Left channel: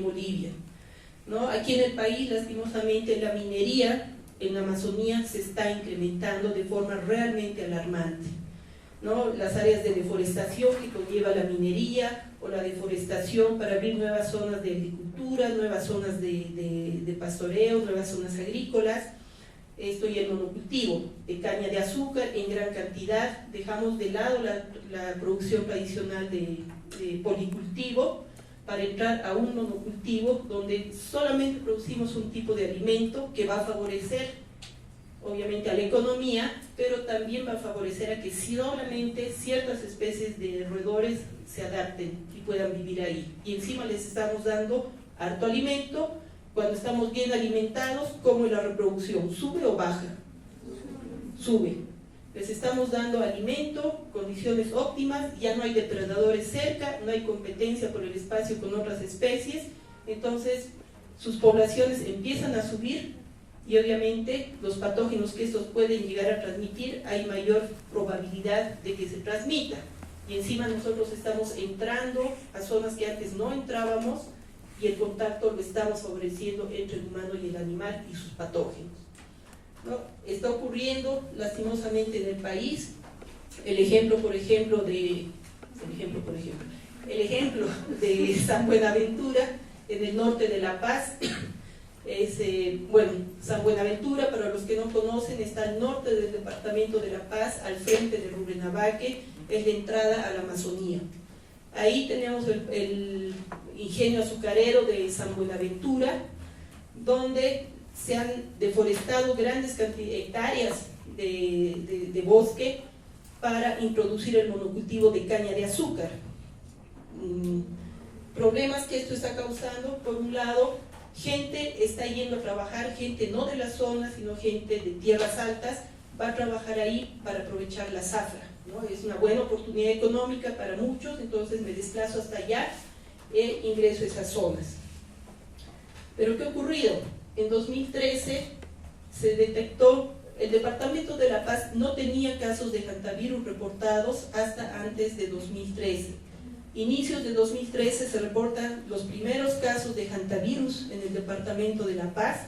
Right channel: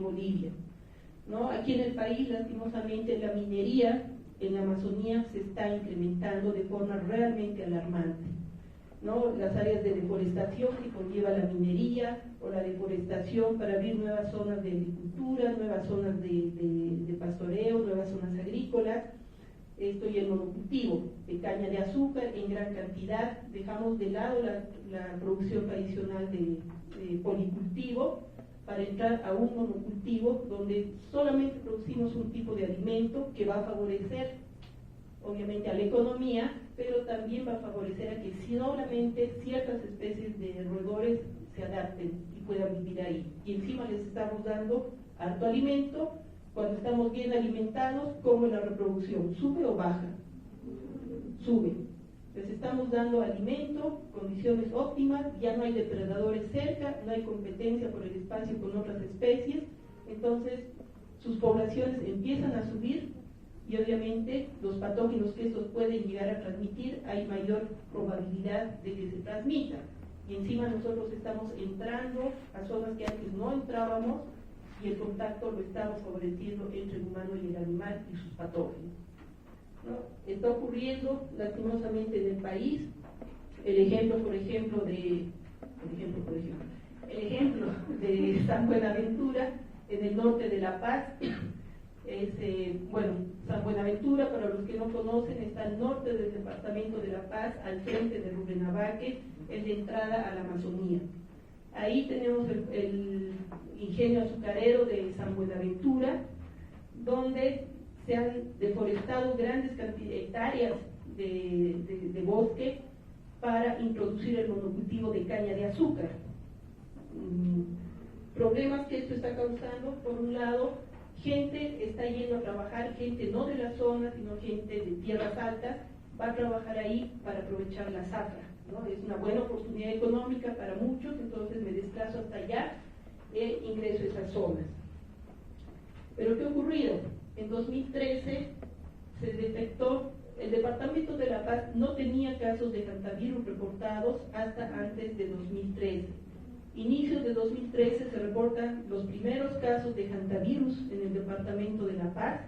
en Bolivia, ¿no? Aquí en el país, lastimosamente, la minería en la Amazonía se está incrementando de forma realmente alarmante, ¿no? Las áreas de deforestación que conlleva la minería o la deforestación para abrir nuevas zonas de agricultura, nuevas zonas de pastoreo, nuevas zonas agrícolas. Esto y el monocultivo de caña de azúcar en gran cantidad. Dejamos de lado la producción tradicional de policultivo para entrar a un monocultivo donde solamente producimos un tipo de alimento que va a favorecer obviamente a la economía, pero también va a favorecer a que solamente ciertas especies de roedores se adapten y puedan vivir ahí. Y encima les estamos dando harto alimento. Cuando estamos bien alimentados, ¿cómo es la reproducción? ¿Sube o baja? Sube. Les estamos dando alimento, condiciones óptimas, ya no hay depredadores cerca, no hay competencia por el espacio con otras especies, entonces sus poblaciones empiezan a subir y obviamente los patógenos que estos pueden llegar a transmitir, hay mayor probabilidad de que se transmita. Y encima nosotros estamos entrando a zonas que antes no entrábamos, y el contacto lo estamos favoreciendo entre el humano y el animal y sus patógenos, ¿no? Está ocurriendo lastimosamente en el país. El ejemplo de San Buenaventura, en el norte de La Paz, San Buenaventura, para los que no conocen, está al norte del departamento de La Paz, al frente de Rurrenabaque, es la entrada a la Amazonía. Ahí tenemos el ingenio azucarero de San Buenaventura, donde se han deforestado grandes hectáreas de bosque para introducir el monocultivo de caña de azúcar. Problemas que esto está causando: por un lado, gente está yendo a trabajar, gente no de la zona, sino gente de tierras altas, va a trabajar ahí para aprovechar la zafra, ¿no? Es una buena oportunidad económica para muchos, entonces me desplazo hasta allá e ingreso a esas zonas. Pero ¿qué ha ocurrido? En 2013 se detectó, el departamento de La Paz no tenía casos de hantavirus reportados hasta antes de 2013. Inicios de 2013 se reportan los primeros casos de hantavirus en el departamento de La Paz.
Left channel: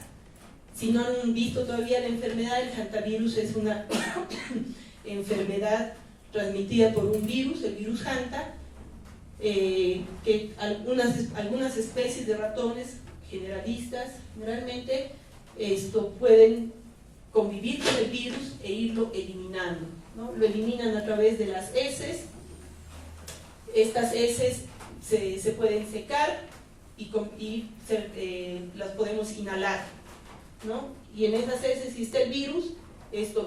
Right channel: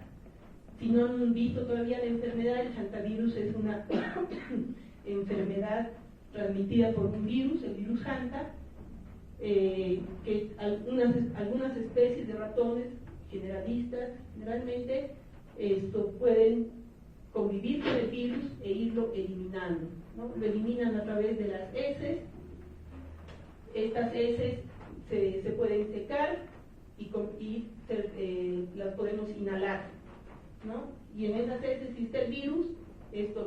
Si no han visto todavía la enfermedad, el hantavirus es una enfermedad transmitida por un virus, el virus hanta, que algunas especies de ratones generalistas generalmente pueden convivir con el virus e irlo eliminando, ¿no? Lo eliminan a través de las heces. Estas heces se pueden secar y las podemos inhalar, ¿no? Y en esas heces, si está el virus,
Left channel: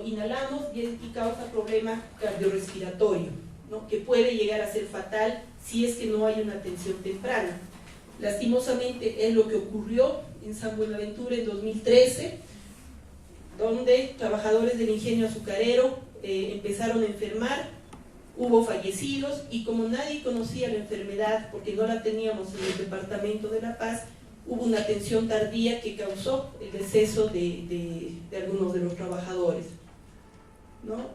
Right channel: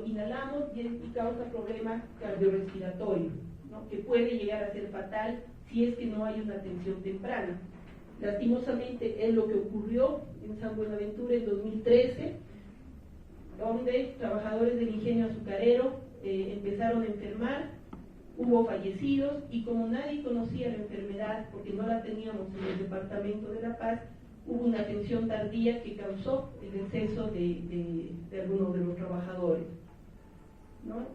inhalamos y causa problema cardiorrespiratorio, ¿no? Que puede llegar a ser fatal si es que no hay una atención temprana. Lastimosamente es lo que ocurrió en San Buenaventura en 2013, donde trabajadores del ingenio azucarero empezaron a enfermar, hubo fallecidos, y como nadie conocía la enfermedad porque no la teníamos en el departamento de La Paz, hubo una atención tardía que causó el deceso de algunos de los trabajadores, ¿no?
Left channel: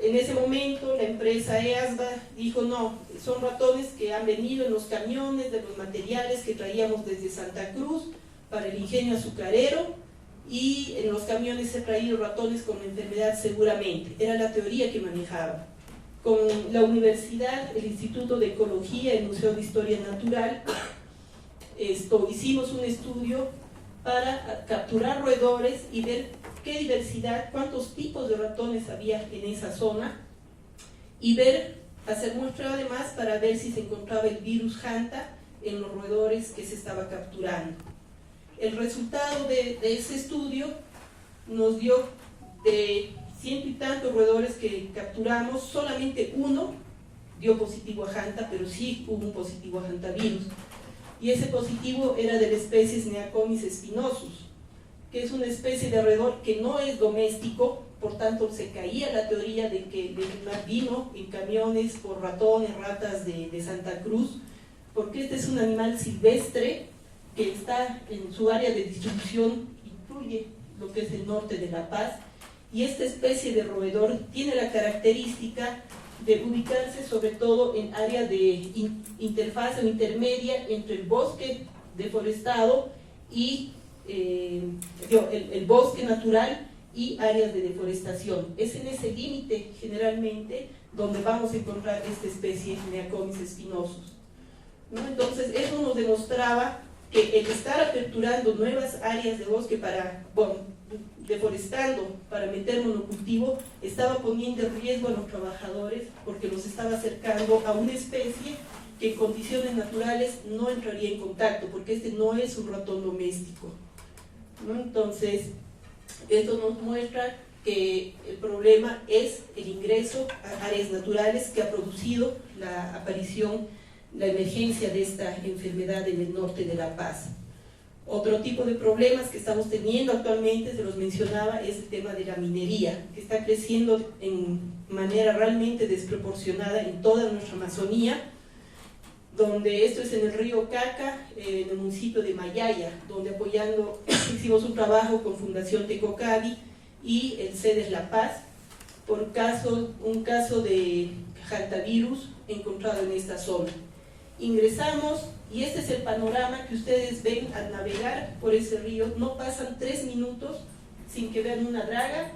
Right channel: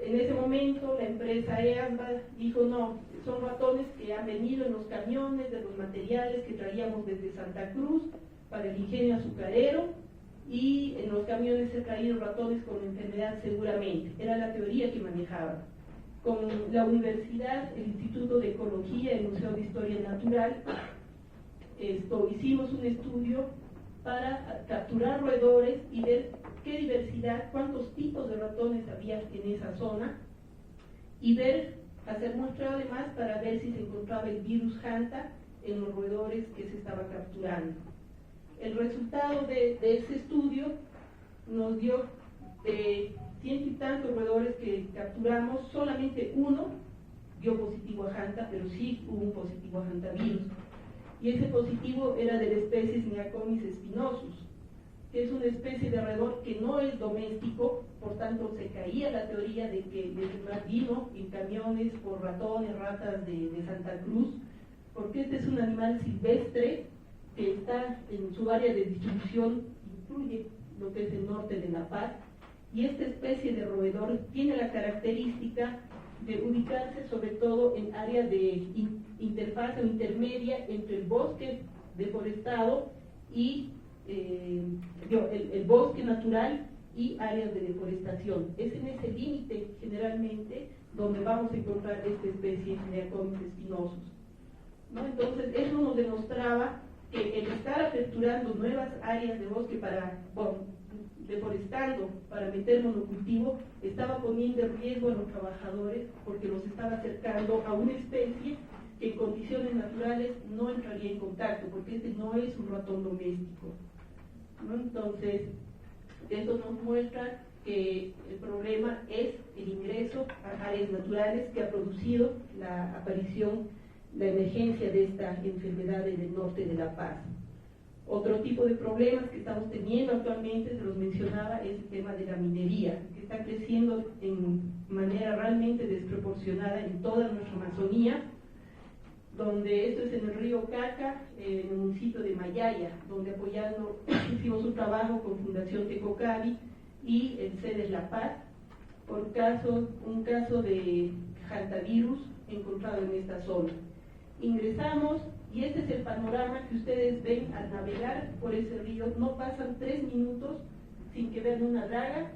En ese momento la empresa EASBA dijo: no, son ratones que han venido en los camiones de los materiales que traíamos desde Santa Cruz para el ingenio azucarero, y en los camiones se han traído ratones con la enfermedad seguramente. Era la teoría que manejaba. Con la universidad, el Instituto de Ecología, el Museo de Historia Natural, hicimos un estudio para capturar roedores y ver qué diversidad, cuántos tipos de ratones había en esa zona, y hacer muestra además para ver si se encontraba el virus hanta en los roedores que se estaba capturando. El resultado de ese estudio nos dio de 100 y tantos roedores que capturamos, solamente uno dio positivo a hanta, pero sí hubo un positivo a hantavirus. Y ese positivo era de la especie Neacomis spinosus, que es una especie de roedor que no es doméstico, por tanto se caía la teoría de que el animal vino en camiones por ratones, ratas de Santa Cruz, porque este es un animal silvestre que está en su área de distribución, incluye lo que es el norte de La Paz, y esta especie de roedor tiene la característica de ubicarse sobre todo en áreas de interfaz o intermedia entre el bosque deforestado y el bosque natural y áreas de deforestación. Es en ese límite generalmente donde vamos a encontrar esta especie de Neacomis espinosus, ¿no? Entonces eso nos demostraba que el estar aperturando nuevas áreas de bosque para, deforestando para meter monocultivo, estaba poniendo en riesgo a los trabajadores porque los estaba acercando a una especie que en condiciones naturales no entraría en contacto, porque este no es un ratón doméstico, ¿no? Entonces, esto nos muestra que el problema es el ingreso a áreas naturales que ha producido la aparición, la emergencia de esta enfermedad en el norte de La Paz. Otro tipo de problemas que estamos teniendo actualmente, se los mencionaba, es el tema de la minería, que está creciendo en manera realmente desproporcionada en toda nuestra Amazonía, donde esto es en el río Caca, en el municipio de Mayaya, donde apoyando, hicimos un trabajo con Fundación Tecocavi y el CEDES La Paz, por un caso de hantavirus encontrado en esta zona. Ingresamos y este es el panorama que ustedes ven al navegar por ese río. No pasan 3 minutos sin que vean una draga,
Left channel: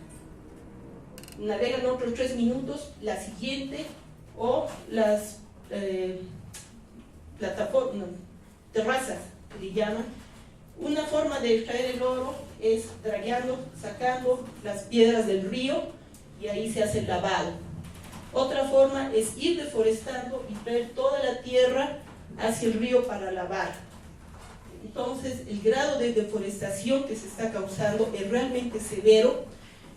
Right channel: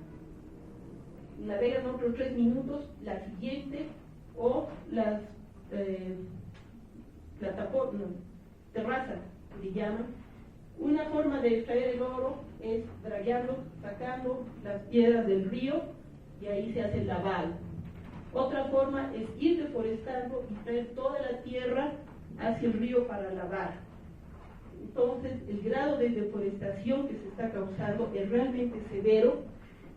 navegan otros 3 minutos, la siguiente, o las plataformas, terrazas, que le llaman. Una forma de extraer el oro es dragueando, sacando las piedras del río y ahí se hace el lavado. Otra forma es ir deforestando y traer toda la tierra hacia el río para lavar. Entonces, el grado de deforestación que se está causando es realmente severo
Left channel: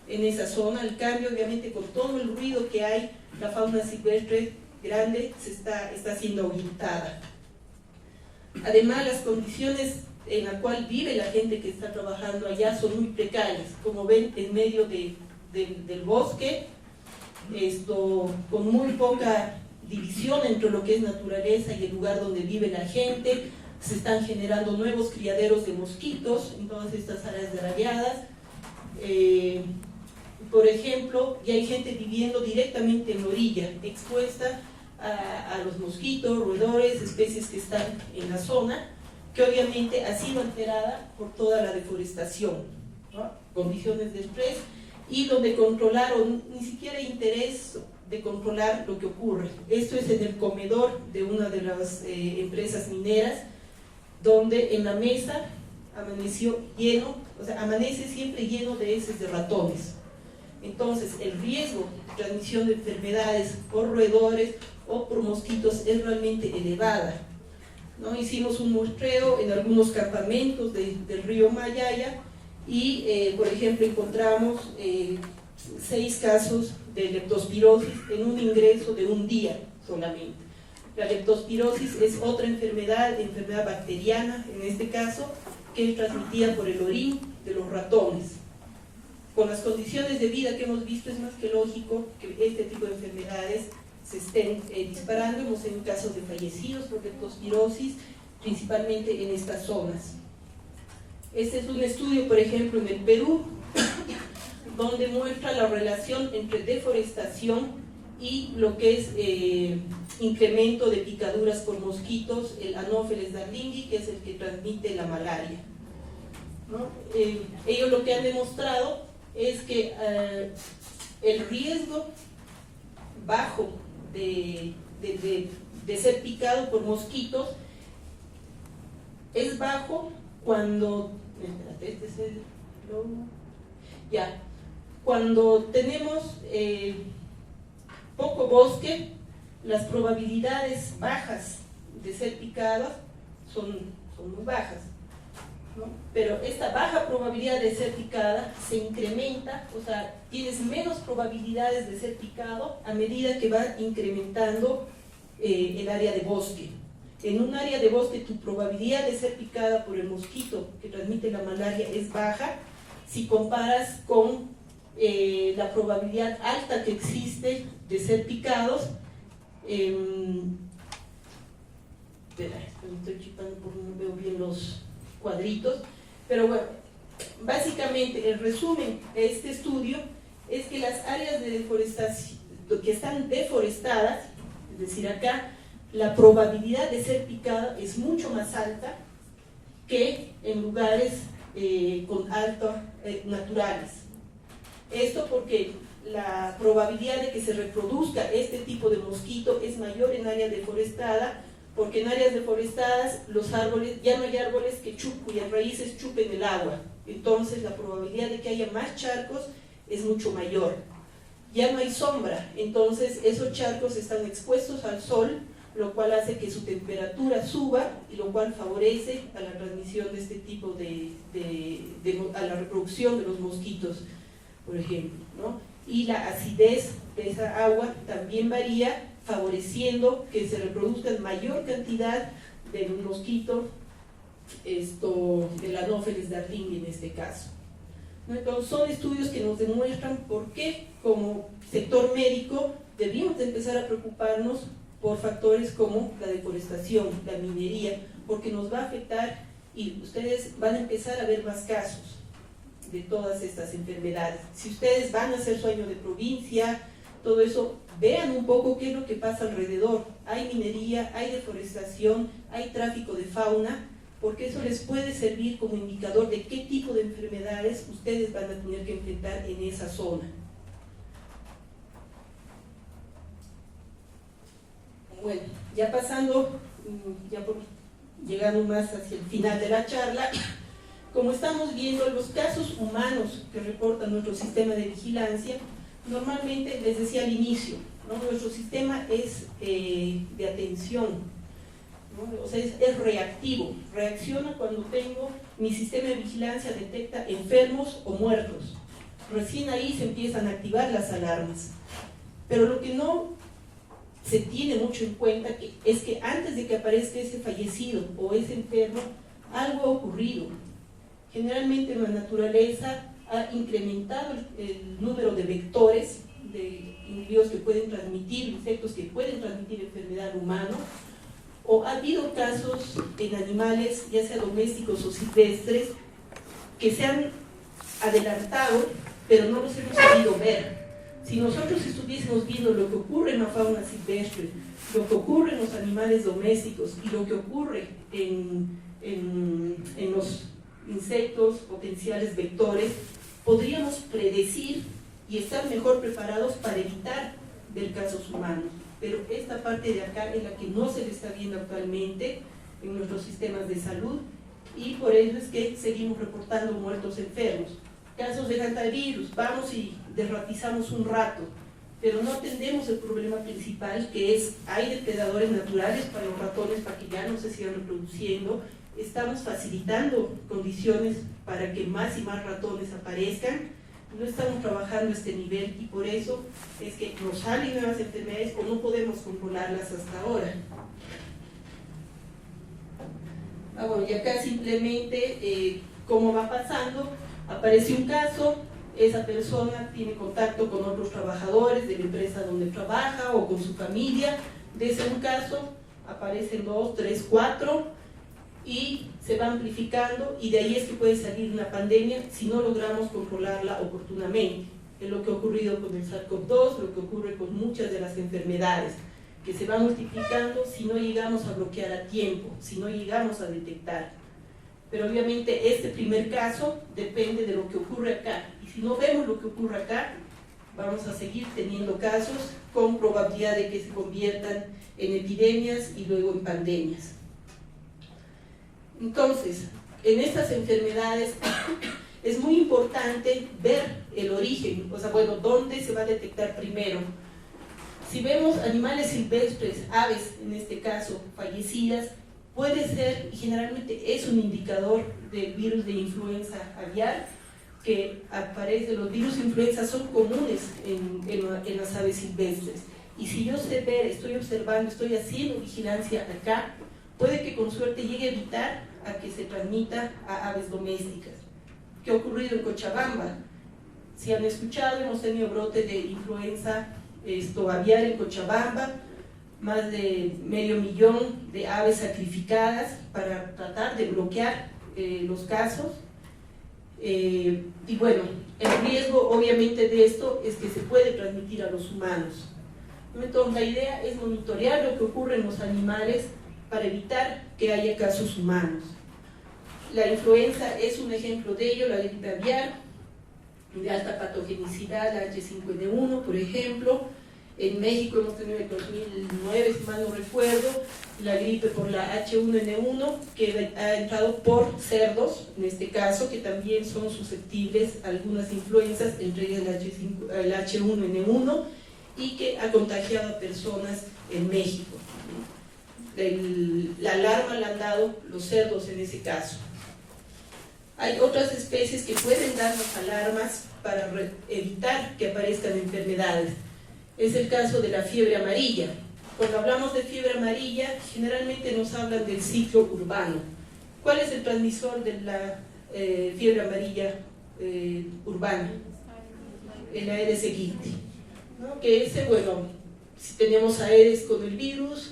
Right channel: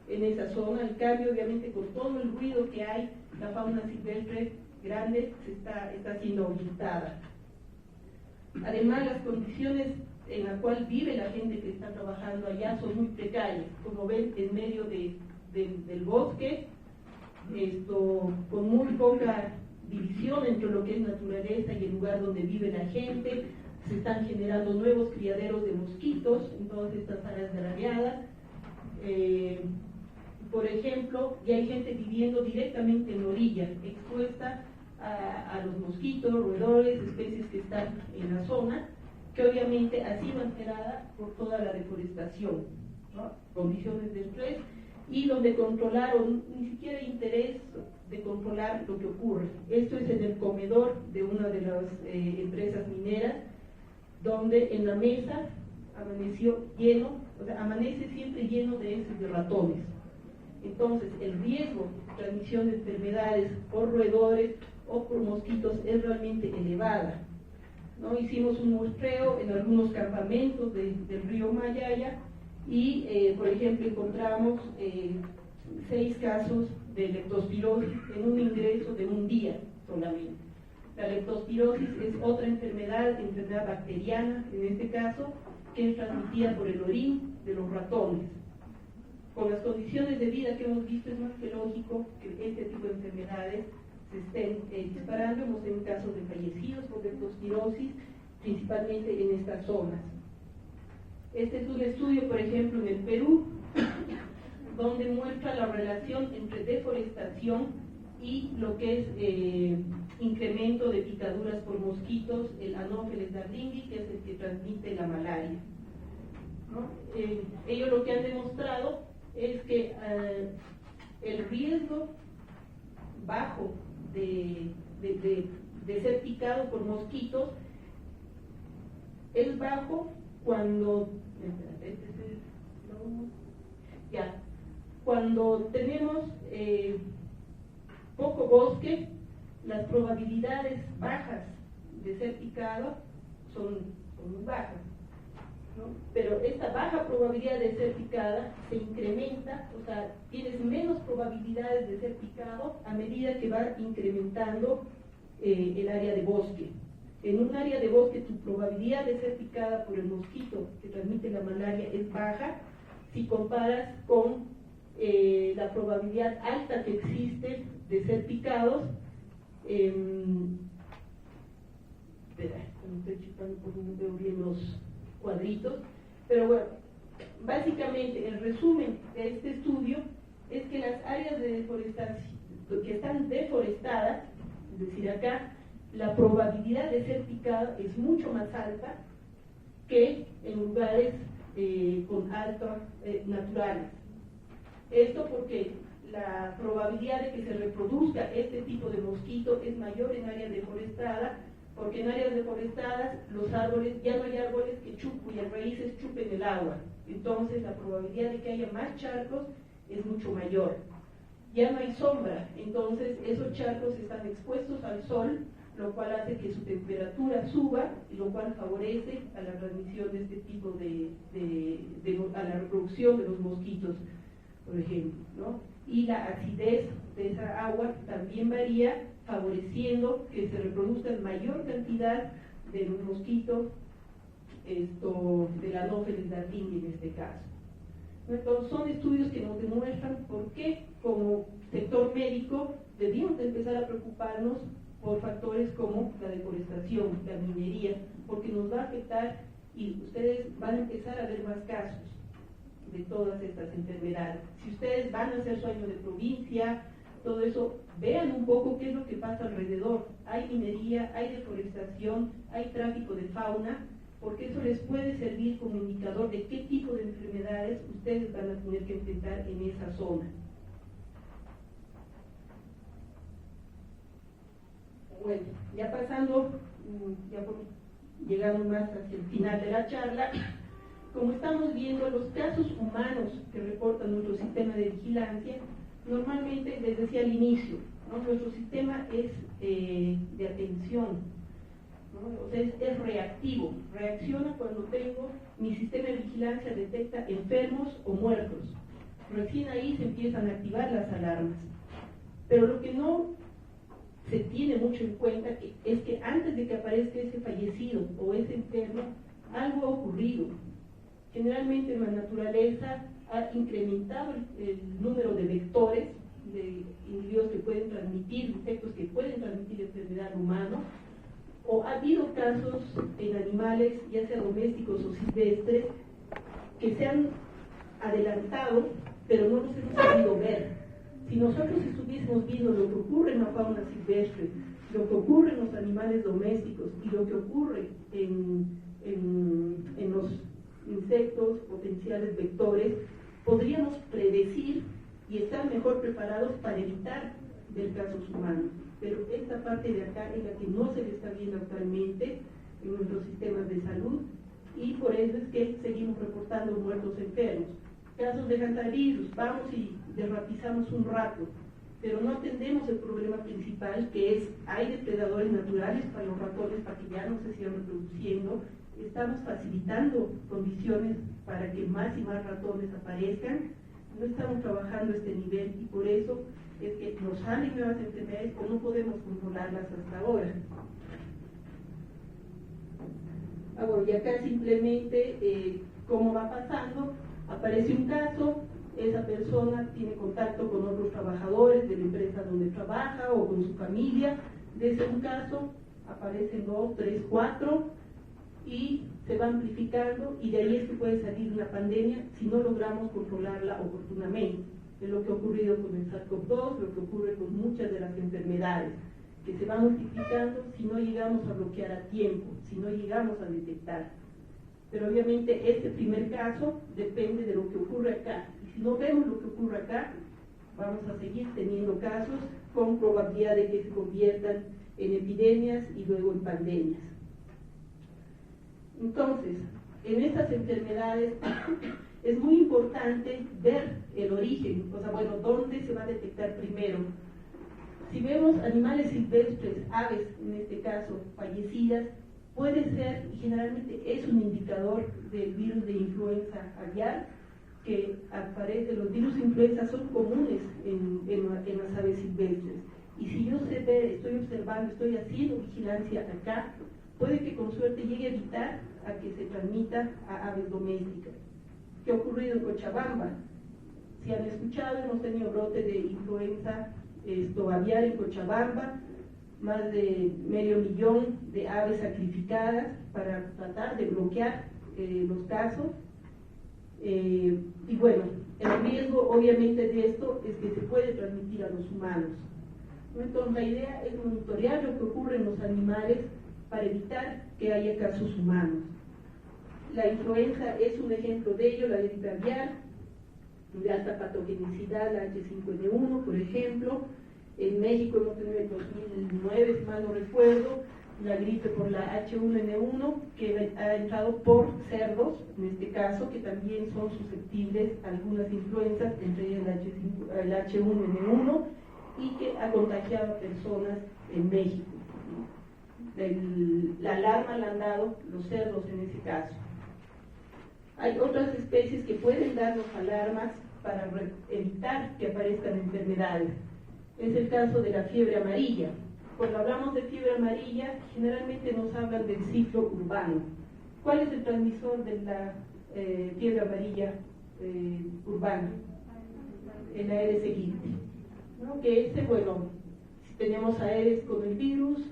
en esa zona. El cambio, obviamente, con todo el ruido que hay, la fauna silvestre grande se está siendo ahuyentada. Además, las condiciones en las cuales vive la gente que está trabajando allá son muy precarias. Como ven, en medio del bosque, con muy poca división entre lo que es naturaleza y el lugar donde vive la gente. Se están generando nuevos criaderos de mosquitos en todas estas áreas dragueadas. Por ejemplo, y hay gente viviendo directamente en la orilla, expuesta a los mosquitos, roedores, especies que están en la zona, que obviamente ha sido alterada por toda la deforestación, ¿no? Condiciones de estrés, y donde controlar, o ni siquiera interés de controlar lo que ocurre. Esto es en el comedor de una de las empresas mineras, donde en la mesa amaneció lleno, o sea, amanece siempre lleno de heces de ratones. Entonces, el riesgo de transmisión de enfermedades por roedores o por mosquitos es realmente elevada, ¿no? Hicimos un muestreo en algunos campamentos del río Mayaya y, por ejemplo, encontramos 6 casos de leptospirosis en un ingreso de un día solamente. La leptospirosis es otra enfermedad bacteriana en este caso, que es transmitida por el orín de los ratones. Con las condiciones de vida que hemos visto, es más que lógico que este tipo de enfermedades se estén disparando. Hemos tenido casos de fallecidos por leptospirosis, principalmente en estas zonas. Este es un estudio, por ejemplo, en el Perú, donde muestra la relación entre deforestación y lo que es incremento de picaduras por mosquitos, el Anopheles darlingii, que es el que transmite la malaria, ¿no? Ellos lo que han demostrado es que el riesgo bajo de ser picado por mosquitos es bajo cuando, cuando tenemos poco bosque. Las probabilidades bajas de ser picados son muy bajas, ¿no? Pero esta baja probabilidad de ser picada se incrementa, o sea, tienes menos probabilidades de ser picado a medida que va incrementando el área de bosque. En un área de bosque tu probabilidad de ser picada por el mosquito que transmite la malaria es baja si comparas con la probabilidad alta que existe de ser picados. Espera, me estoy chipando porque no veo bien los cuadritos, pero bueno, básicamente el resumen de este estudio es que las áreas de que están deforestadas, es decir, acá la probabilidad de ser picada es mucho más alta que en lugares con alta naturales. Esto porque la probabilidad de que se reproduzca este tipo de mosquito es mayor en área deforestada, porque en áreas deforestadas los árboles, ya no hay árboles cuyas raíces chupen el agua, entonces la probabilidad de que haya más charcos es mucho mayor. Ya no hay sombra, entonces esos charcos están expuestos al sol, lo cual hace que su temperatura suba y lo cual favorece a la transmisión de este tipo a la reproducción de los mosquitos, por ejemplo, ¿no? Y la acidez de esa agua también varía, favoreciendo que se reproduzca mayor cantidad de mosquitos, del Anopheles darwinii en este caso. Entonces son estudios que nos demuestran por qué como sector médico debemos de empezar a preocuparnos por factores como la deforestación, la minería, porque nos va a afectar y ustedes van a empezar a ver más casos de todas estas enfermedades. Si ustedes van a hacer su año de provincia, todo eso, vean un poco qué es lo que pasa alrededor. Hay minería, hay deforestación, hay tráfico de fauna, porque eso les puede servir como indicador de qué tipo de enfermedades ustedes van a tener que enfrentar en esa zona. Bueno, ya pasando, llegando más hacia el final de la charla, como estamos viendo, los casos humanos que reporta nuestro sistema de vigilancia, normalmente, les decía al inicio, ¿no? Nuestro sistema es de atención, ¿no? O sea, es reactivo, reacciona cuando tengo, mi sistema de vigilancia detecta enfermos o muertos. Recién ahí se empiezan a activar las alarmas. Pero lo que no se tiene mucho en cuenta es que antes de que aparezca ese fallecido o ese enfermo, algo ha ocurrido. Generalmente en la naturaleza ha incrementado el número de vectores, de individuos que pueden transmitir, insectos que pueden transmitir enfermedad al humano, o ha habido casos en animales, ya sea domésticos o silvestres, que se han adelantado, pero no los hemos podido ver. Si nosotros estuviésemos viendo lo que ocurre en la fauna silvestre, lo que ocurre en los animales domésticos y lo que ocurre en los insectos, potenciales vectores, podríamos predecir y estar mejor preparados para evitar ver casos humanos. Pero esta parte de acá es la que no se le está viendo actualmente en nuestros sistemas de salud y por eso es que seguimos reportando muertos enfermos. Casos de hantavirus, vamos y derratizamos un rato, pero no atendemos el problema principal, que es, hay depredadores naturales para los ratones para que ya no se sigan reproduciendo, estamos facilitando condiciones para que más y más ratones aparezcan, no estamos trabajando a este nivel y por eso es que nos salen nuevas enfermedades o no podemos controlarlas hasta ahora. Bueno, y acá simplemente cómo va pasando, aparece un caso, esa persona tiene contacto con otros trabajadores de la empresa donde trabaja o con su familia, de ese un caso aparecen 2, 3, 4 y se va amplificando y de ahí es que puede salir una pandemia si no logramos controlarla oportunamente. Es lo que ha ocurrido con el SARS-CoV-2, lo que ocurre con muchas de las enfermedades, que se van multiplicando si no llegamos a bloquear a tiempo, si no llegamos a detectar. Pero obviamente este primer caso depende de lo que ocurre acá. Y si no vemos lo que ocurre acá, vamos a seguir teniendo casos con probabilidad de que se conviertan en epidemias y luego en pandemias. Entonces, en estas enfermedades es muy importante ver el origen, o sea, bueno, dónde se va a detectar primero. Si vemos animales silvestres, aves en este caso, fallecidas, puede ser, y generalmente es un indicador de virus de influenza aviar, que aparece, los virus de influenza son comunes en las aves silvestres. Y si yo sé ver, estoy observando, estoy haciendo vigilancia acá, puede que con suerte llegue a evitar a que se transmita a aves domésticas. ¿Qué ha ocurrido en Cochabamba? Si han escuchado, hemos tenido brote de influenza aviar en Cochabamba, más de 500.000 de aves sacrificadas para tratar de bloquear los casos. Y bueno, el riesgo obviamente de esto es que se puede transmitir a los humanos. Entonces, la idea es monitorear lo que ocurre en los animales para evitar que haya casos humanos. La influenza es un ejemplo de ello, la gripe aviar, de alta patogenicidad, la H5N1, por ejemplo. En México hemos tenido en 2009, si mal no recuerdo, la gripe por la H1N1, que ha entrado por cerdos, en este caso, que también son susceptibles a algunas influencias, entre ellas el H1N1, y que ha contagiado a personas en México. La alarma la han dado los cerdos en ese caso. Hay otras especies que pueden darnos alarmas para evitar que aparezcan enfermedades. Es el caso de la fiebre amarilla. Cuando hablamos de fiebre amarilla, generalmente nos hablan del ciclo urbano. ¿Cuál es el transmisor de la fiebre amarilla urbana? El Aedes aegypti, ¿no? Que ese, bueno, si tenemos Aedes con el virus,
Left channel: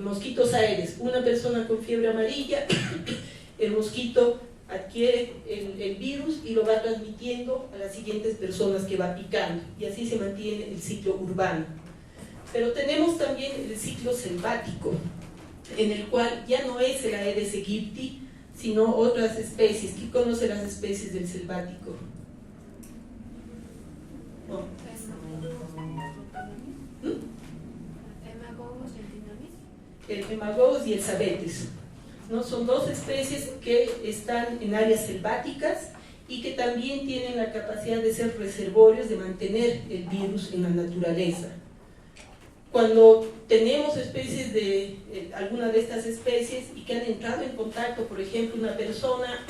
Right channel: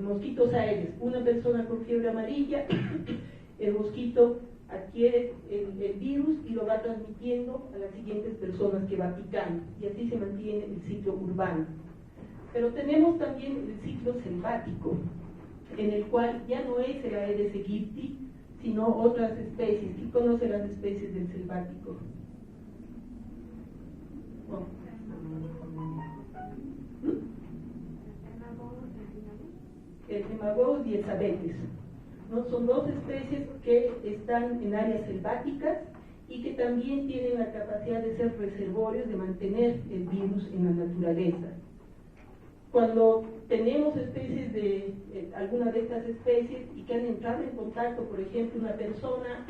mosquitos Aedes, una persona con fiebre amarilla, el mosquito adquiere el virus y lo va transmitiendo a las siguientes personas que va picando, y así se mantiene el ciclo urbano. Pero tenemos también el ciclo selvático, en el cual ya no es el Aedes aegypti, sino otras especies. ¿Quién conoce las especies del selvático? No. El Hemagogos y el Sabetes, ¿no? Son dos especies que están en áreas selváticas y que también tienen la capacidad de ser reservorios, de mantener el virus en la naturaleza. Cuando tenemos especies de alguna de estas especies y que han entrado en contacto, por ejemplo, una persona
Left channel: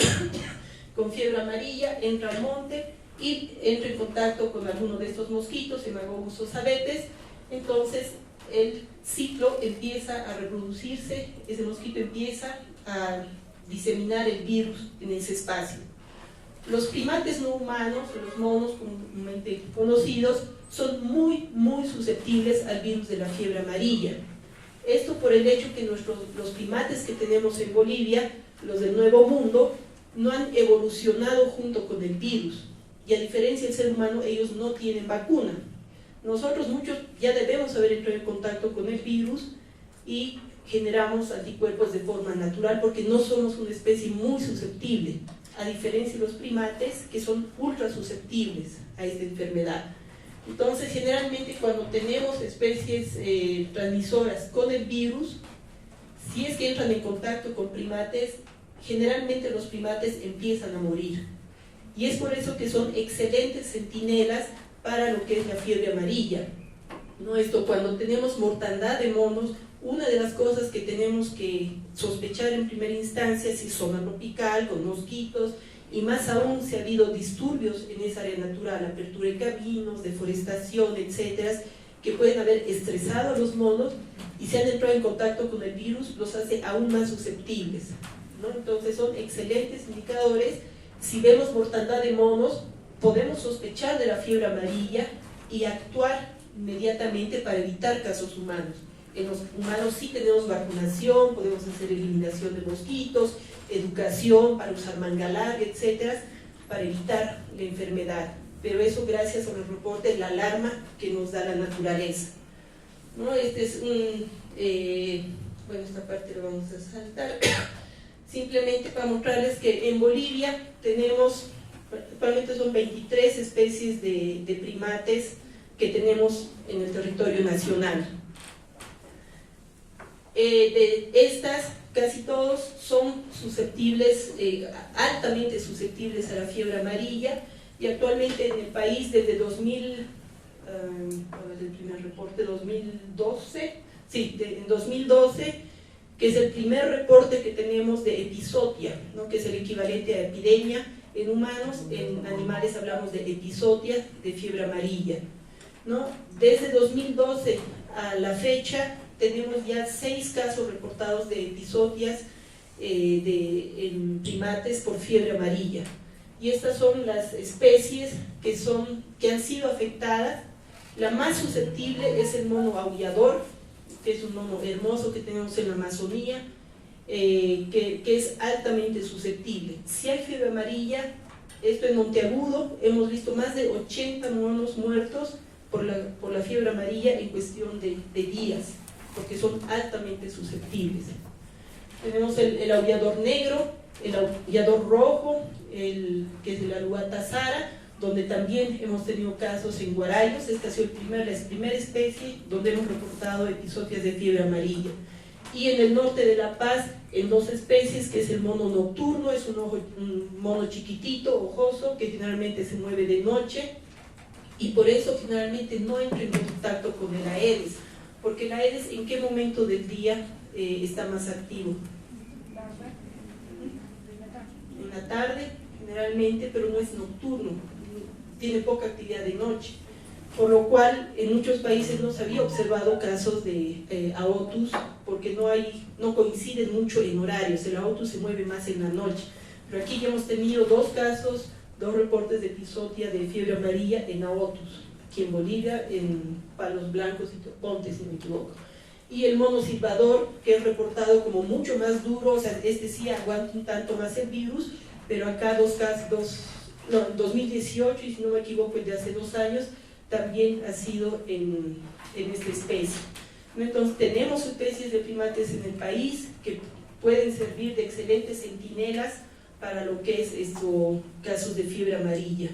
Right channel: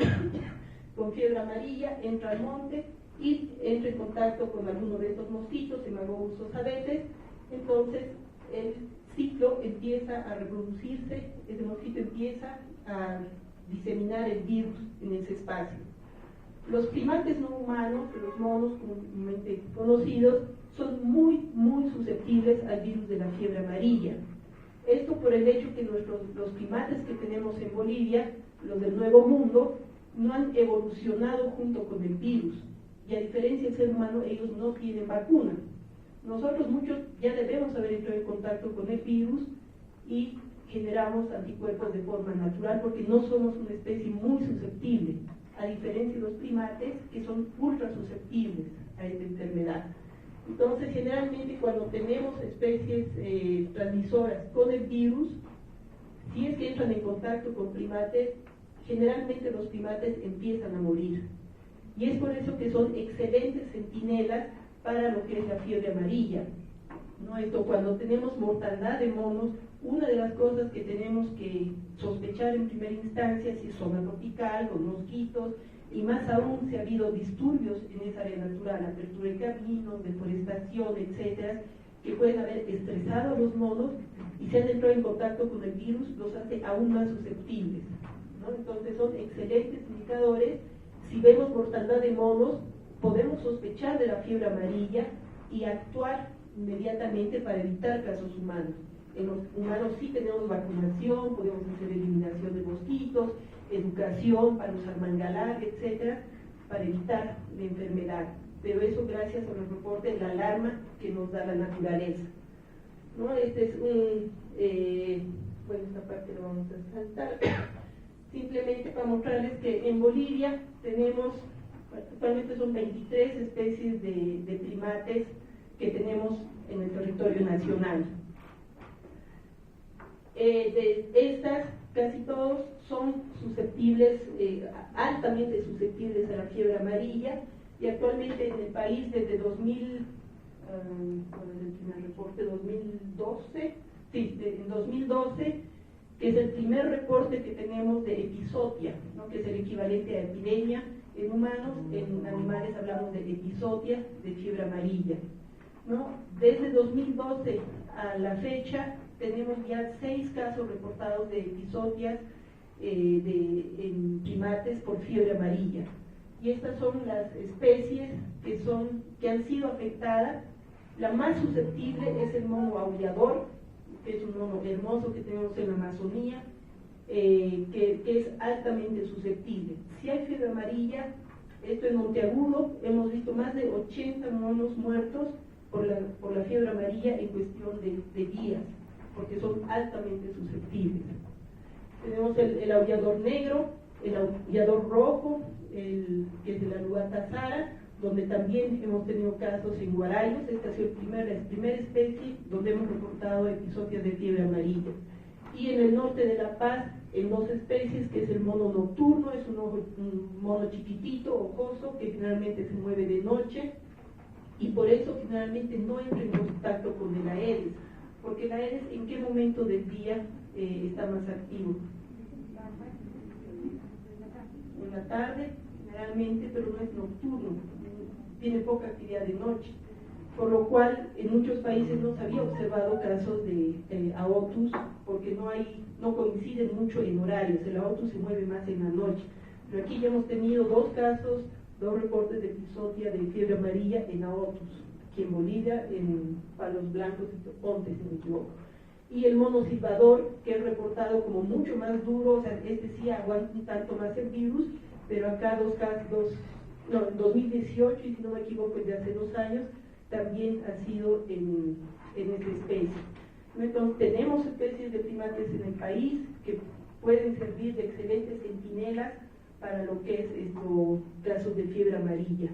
con fiebre amarilla entra al monte y entra en contacto con alguno de estos mosquitos, Hemagogos o Sabetes, entonces el ciclo empieza a reproducirse, ese mosquito empieza a diseminar el virus en ese espacio. Los primates no humanos, los monos comúnmente conocidos, son muy susceptibles al virus de la fiebre amarilla. Esto por el hecho que los primates que tenemos en Bolivia, los del Nuevo Mundo, no han evolucionado junto con el virus, y a diferencia del ser humano, ellos no tienen vacuna. Nosotros muchos ya debemos haber entrado en contacto con el virus y generamos anticuerpos de forma natural porque no somos una especie muy susceptible, a diferencia de los primates que son ultra susceptibles a esta enfermedad. Entonces, generalmente cuando tenemos especies transmisoras con el virus, si es que entran en contacto con primates, generalmente los primates empiezan a morir. Y es por eso que son excelentes centinelas para lo que es la fiebre amarilla. ¿No? Esto, cuando tenemos mortandad de monos, una de las cosas que tenemos que sospechar en primera instancia si es zona tropical, con mosquitos, y más aún si ha habido disturbios en esa área natural, apertura de caminos, deforestación, etcétera, que pueden haber estresado a los monos y si han entrado en contacto con el virus, los hace aún más susceptibles, ¿no? Entonces son excelentes indicadores. Si vemos mortandad de monos, podemos sospechar de la fiebre amarilla y actuar inmediatamente para evitar casos humanos. En los humanos sí tenemos vacunación, podemos hacer eliminación de mosquitos, educación para usar manga larga, etcétera, para evitar la enfermedad. Pero eso gracias a los reportes, la alarma que nos da la naturaleza, ¿no? Este es esta parte la vamos a saltar. Simplemente para mostrarles que en Bolivia tenemos, actualmente son 23 especies de primates que tenemos en el territorio nacional. De estas, casi todos son susceptibles, altamente susceptibles a la fiebre amarilla, y actualmente en el país desde el primer reporte, 2012, en 2012, que es el primer reporte que tenemos de epizotia, ¿no? Que es el equivalente a epidemia en humanos, en animales hablamos de epizotia, de fiebre amarilla, ¿no? Desde 2012 a la fecha tenemos ya 6 casos reportados de epizotias en primates por fiebre amarilla, y estas son las especies que han sido afectadas. La más susceptible es el mono aullador, que es un mono hermoso que tenemos en la Amazonía, que es altamente susceptible. Si hay fiebre amarilla, esto en Monteagudo, hemos visto más de 80 monos muertos por la fiebre amarilla en cuestión de días, porque son altamente susceptibles. Tenemos el aullador negro, el aullador rojo, que es de la Luata-Sara, donde también hemos tenido casos en Guarayos. Esta ha sido la primera especie donde hemos reportado episodios de fiebre amarilla. Y en el norte de La Paz, en 2 especies, que es el mono nocturno, es un mono chiquitito, ojoso, que generalmente se mueve de noche, y por eso generalmente no entra en contacto con el Aedes, porque el Aedes, ¿en qué momento del día está más activo? En la tarde, generalmente, pero no es nocturno, tiene poca actividad de noche, por lo cual en muchos países no se había observado casos de Aotus, porque no coinciden mucho en horarios. El Aotus se mueve más en la noche, pero aquí ya hemos tenido 2 casos, 2 reportes de epizodia de fiebre amarilla en Aotus, aquí en Bolivia, en Palos Blancos y Toponte, si no me equivoco. Y el mono silbador, que es reportado como mucho más duro, o sea, este sí aguanta un tanto más el virus, pero acá 2018, y si no me equivoco, de hace 2 años, también ha sido en esta especie. Entonces, tenemos especies de primates en el país que pueden servir de excelentes centinelas para lo que es casos de fiebre amarilla.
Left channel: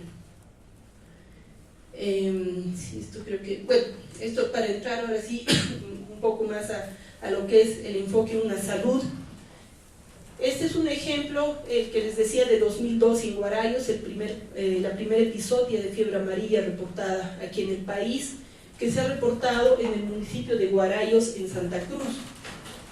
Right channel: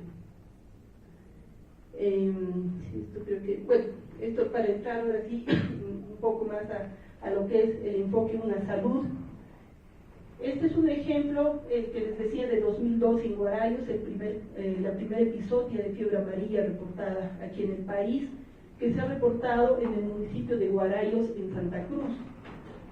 Sí, esto creo que, bueno, esto para entrar ahora sí un poco más a lo que es el enfoque en una salud. Este es un ejemplo, el que les decía, de 2012 en Guarayos, la primera epizodia de fiebre amarilla reportada aquí en el país, que se ha reportado en el municipio de Guarayos, en Santa Cruz,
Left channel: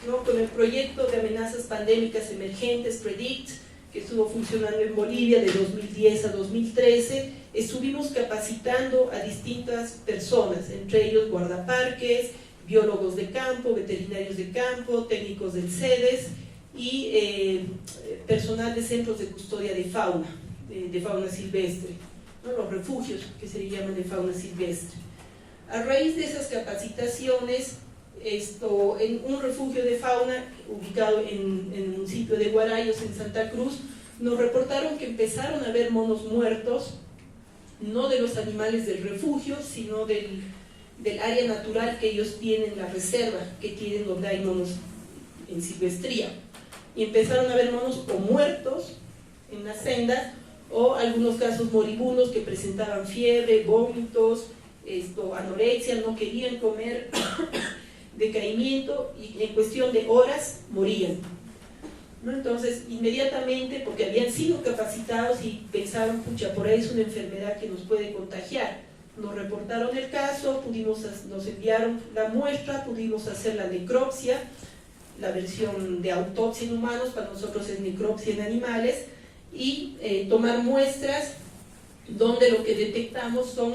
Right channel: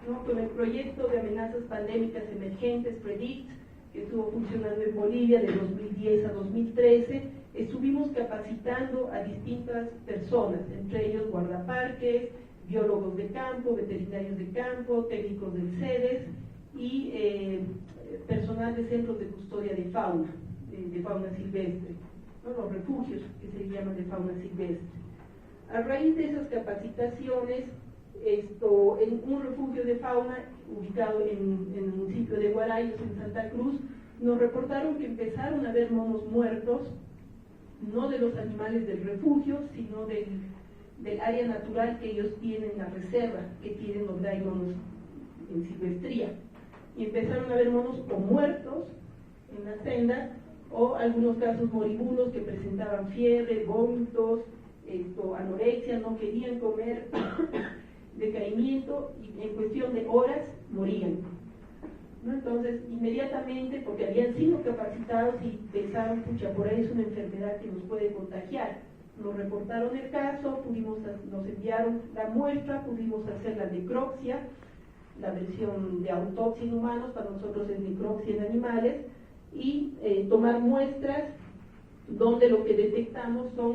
¿no? Con el proyecto de amenazas pandémicas emergentes, PREDICT, que estuvo funcionando en Bolivia de 2010 a 2013, estuvimos capacitando a distintas personas, entre ellos guardaparques, biólogos de campo, veterinarios de campo, técnicos del CEDES, y personal de centros de custodia de fauna silvestre, ¿no? Los refugios que se le llaman de fauna silvestre. A raíz de esas capacitaciones, en un refugio de fauna ubicado en el municipio de Guarayos, en Santa Cruz, nos reportaron que empezaron a ver monos muertos, no de los animales del refugio, sino del área natural que ellos tienen, la reserva que tienen, donde hay monos en silvestría. Y empezaron a ver monos o muertos en las sendas, o algunos casos moribundos que presentaban fiebre, vómitos, anorexia, no querían comer, decaimiento, y en cuestión de horas morían, ¿no? Entonces, inmediatamente, porque habían sido capacitados y pensaban, pucha, por ahí es una enfermedad que nos puede contagiar, nos reportaron el caso, nos enviaron la muestra, pudimos hacer la necropsia, la versión de autopsia en humanos, para nosotros es necropsia en animales, y tomar muestras donde lo que detectamos son